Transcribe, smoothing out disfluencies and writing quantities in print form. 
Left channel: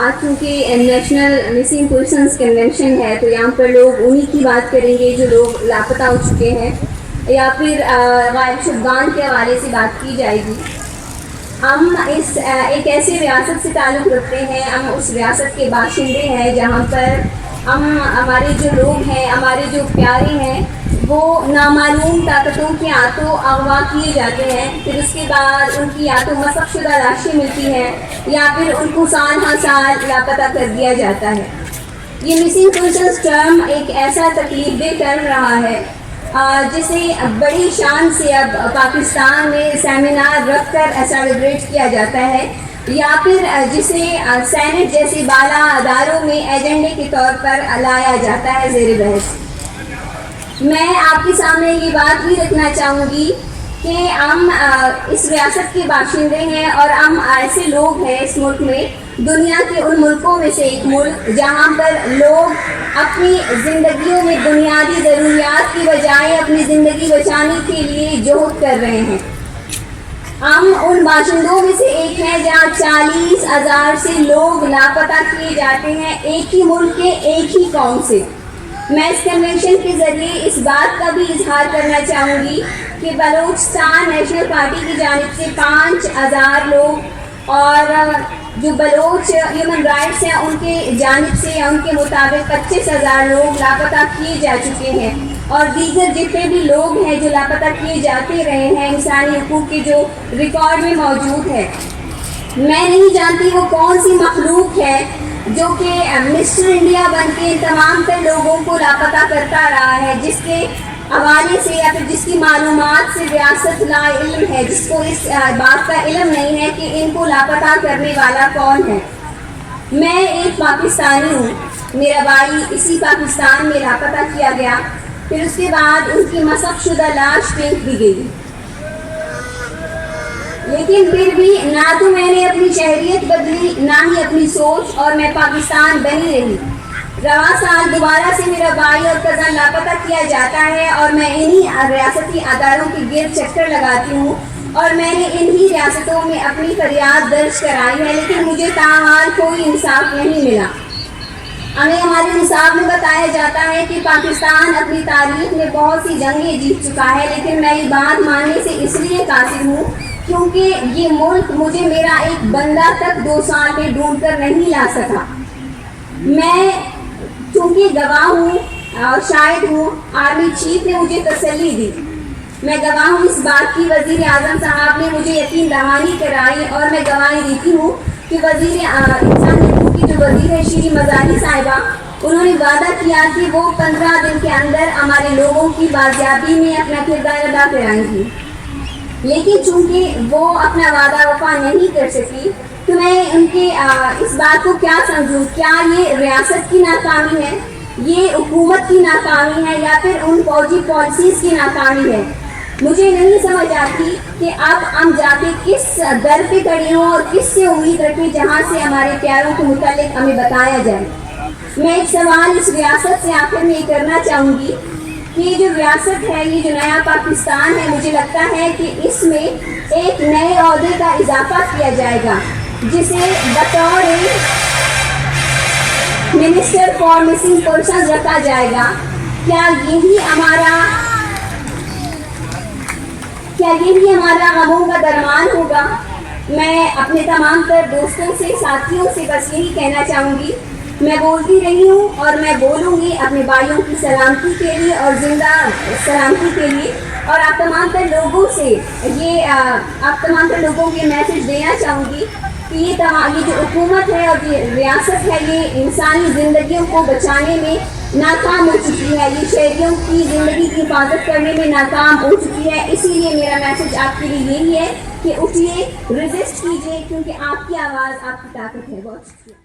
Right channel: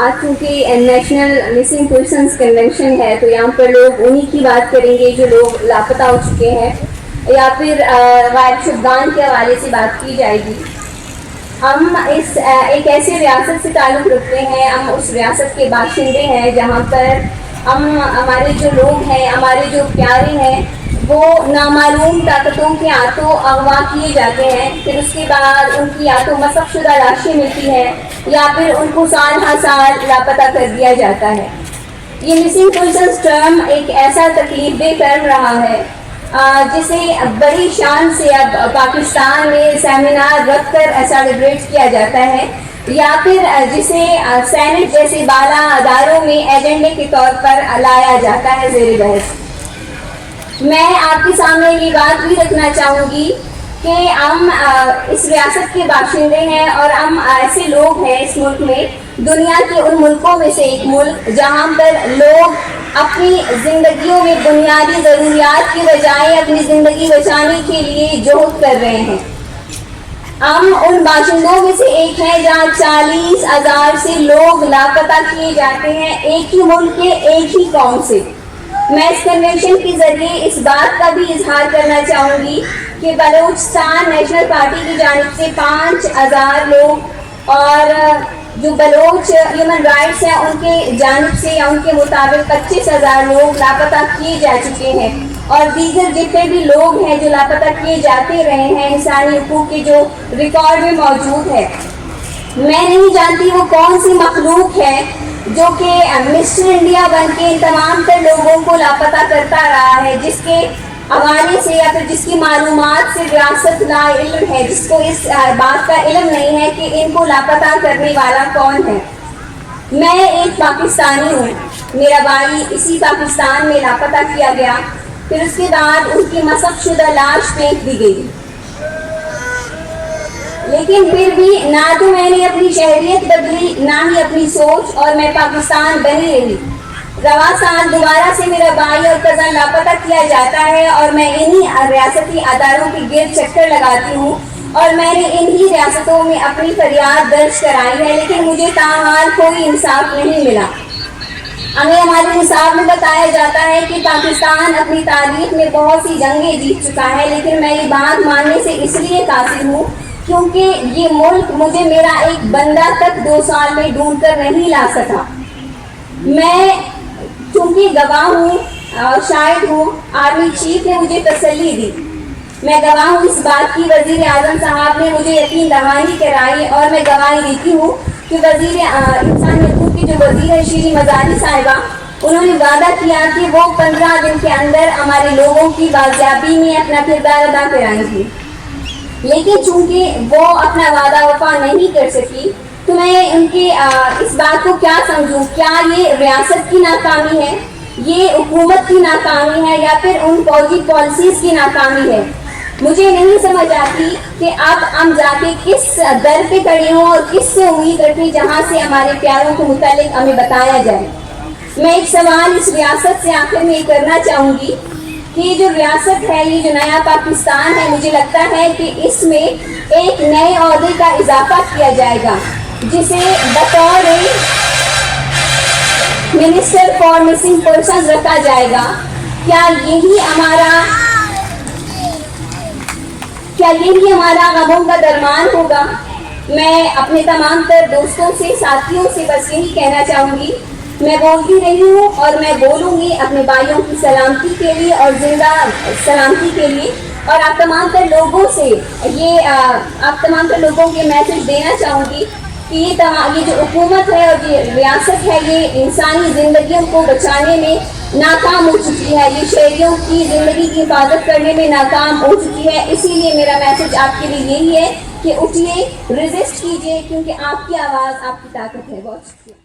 آج چونکہ national missing persons convention ہے تو یہاں پر لوگ انہی کی بات کریں گے جو لوگ لاپتہ ہو چکے ہیں یا پھر غائب شدگان کے حوالے سے بات کی جائے گی. ہم ایک ایسی ریاست سے تعلق رکھتے ہیں, ہم اس ریاست کے باشندے ہیں جہاں پر ہمارے جو لوگ ہیں, ہمارے جو پیارے ہیں, وہ نامعلوم طاقتوں کے ہاتھوں اغوا کیے جاتے ہیں. پھر اس کے بعد ان کی یا تو مسخ شدہ لاشیں ملتی ہیں یا پھر ان کو سال ہر سال لاپتہ کر دیا جاتا ہے. یہ مسنگ پرسنس ٹرم ایک ایسا تکلیف دہ ٹرم رہا ہے جسے بڑی شان سے اب پاکستان میں سیمینار رکھ کر سیلیبریٹ کیا جاتا ہے یا پھر جسے سینٹ جیسے بالا اداروں میں ایجنڈے کے طور پر لایا جاتا ہے زیر بحث. میں آپ کے سامنے یہ بات بھی رکھنا چاہوں گی کہ ہم اس ریاست کے باشندے ہیں اور ہم ایسے لوگ ہیں اس ملک میں, دنیا کے ان ملکوں میں سے ایک ملک جہاں پر لوگ اپنی زندگیوں میں بنیادی ضروریات کی بجائے اپنی زندگی بچانے کے لیے جہد کر رہے ہیں. ہم ان باشندوں میں سے ایک ہیں جہاں 40,000 سے لوگ لاپتہ کیے جاتے ہیں ایک ہی ملک کے ایک ہی قوم سے. میں اس کنونشن کے ذریعے اس بات کا بھی اظہار کرنا چاہوں گی کہ بلوچستان نیشنل پارٹی کی جانب سے 5,000 لوگ اور جو بلوچ ہیومن رائٹس ہیں ان کے جانب سے یا ان کے مطابق 25,000 لوگ لاپتہ کیے جا چکے ہیں, اور دیگر جتنے بھی لوگ ہیں جو لاپتہ کیے جاتے رہے ہیں انسانی حقوق کے جو ریکارڈ میں موجود ہے. میں نہیں جانتی وہ کون سی مخلوق ہے جو کہ مسٹر انڈیا بن کے تمام تر لوگوں کو لاپتہ کرتا رہا ہے, جس کے حوالے سے یا پھر جس کی معلومات سے ریاست لا علم ہے, جس کو اس بات کا علم نہیں ہے کہ ان کو لاپتہ کرنے والا کون ہے. میں ایک پاکستانی ہوں, میرا بھائی اسی پاکستان میں لاپتہ کیا گیا, پھر اس کے بعد ان کی مسخ شدہ لاش پھینک دی گئی, لیکن پھر بھی نہ تو میں نے اپنی شہریت بدلی نہ ہی اپنی سوچ, اور میں پاکستان بنی رہی. رواں سال دوبارہ سے میرا بھائی اور کزن لاپتہ کیا جاتا ہے اور میں انہی ریاستی اداروں کے گرد چکر لگاتی ہوں اور میں نے انہی ریاستوں میں اپنی فریاد درج کرائی ہے, لیکن مجھے تاحال کوئی انصاف نہیں ملا. ہمیں ہمارے نصاب میں بتایا جاتا ہے کہ پاکستان اپنی تاریخ میں بہت سی جنگیں جیت چکا ہے, لیکن میں یہ بات ماننے سے اس لیے قاصر ہوں کیونکہ یہ ملک مجھے میرا ایک بندہ تک 2 سال میں ڈھونڈ کر نہیں لا سکا. میں چونکہ گواہ ہوں اور شاہد ہوں, آرمی چیف نے مجھے تسلی دی. میں گواہ ہوں اس بات کی, وزیر اعظم صاحب نے مجھے یقین دہانی کرائی, اور میں گواہی دیتی ہوں کہ وزیر انسانی حقوق کی جو وزیر ہے شری مزاری صاحبہ, انہوں نے وعدہ کیا کہ وہ 15 دن کے اندر ہمارے لوگوں کی بازیابی میں اپنا کردار ادا کرائیں گی. لیکن چونکہ وہ اپنا وعدہ وفا نہیں کر سکی تو میں ان کی اس بات کو کیا سمجھوں, کیا یہ ریاست کی ناکامی ہے, یہ حکومت کی ناکامی ہے, یا پھر ان فوجی پالیسیز کی ناکامی ہے. مجھے نہیں سمجھ آتی کہ اب ہم جا کے کس در پہ کھڑے ہوں اور کس سے امید رکھیں جہاں سے ہمارے پیاروں کے متعلق ہمیں بتایا جائے. میں ایک سوال اس ریاست سے آخر میں یہ کرنا چاہوں گی کہ یہ جو ریاست ہے, یہ جو نیا پاکستان ہے, مجھے لگتا ہے کہ اس میں ایک نئے عہدے کا اضافہ کیا جائے گا جسے بطور منسٹر فار مسنگ پرسنز رکھا جائے گا. کیا یہی ہمارا غموں کا درمان ہوگا؟ میں اپنے تمام تر دوستوں سے, ساتھیوں سے بس یہی کہنا چاہوں گی, میں بولتی رہی ہوں اور میں بولوں گی اپنے بھائیوں کی سلامتی کے لیے اور زندہ سلامتی کے لیے, اور آپ تمام تر لوگوں سے آپ تمام تر لوگوں کے میسج دینا چاہوں گی کہ یہ جو حکومت ہے اور یہ ریاست ہے, یہ انسانی زندگیوں کو بچانے میں ناکام ہو چکی ہے, یہ شہریوں کی زندگی کی حفاظت کرنے میں ناکام ہو چکی ہے. اسی لیے میرا میسج آپ کے لیے یہی ہے کہ اٹھیے, ریزسٹ کیجیے, کیونکہ آپ کی آواز آپ کی طاقت ہے. بہت شکریہ.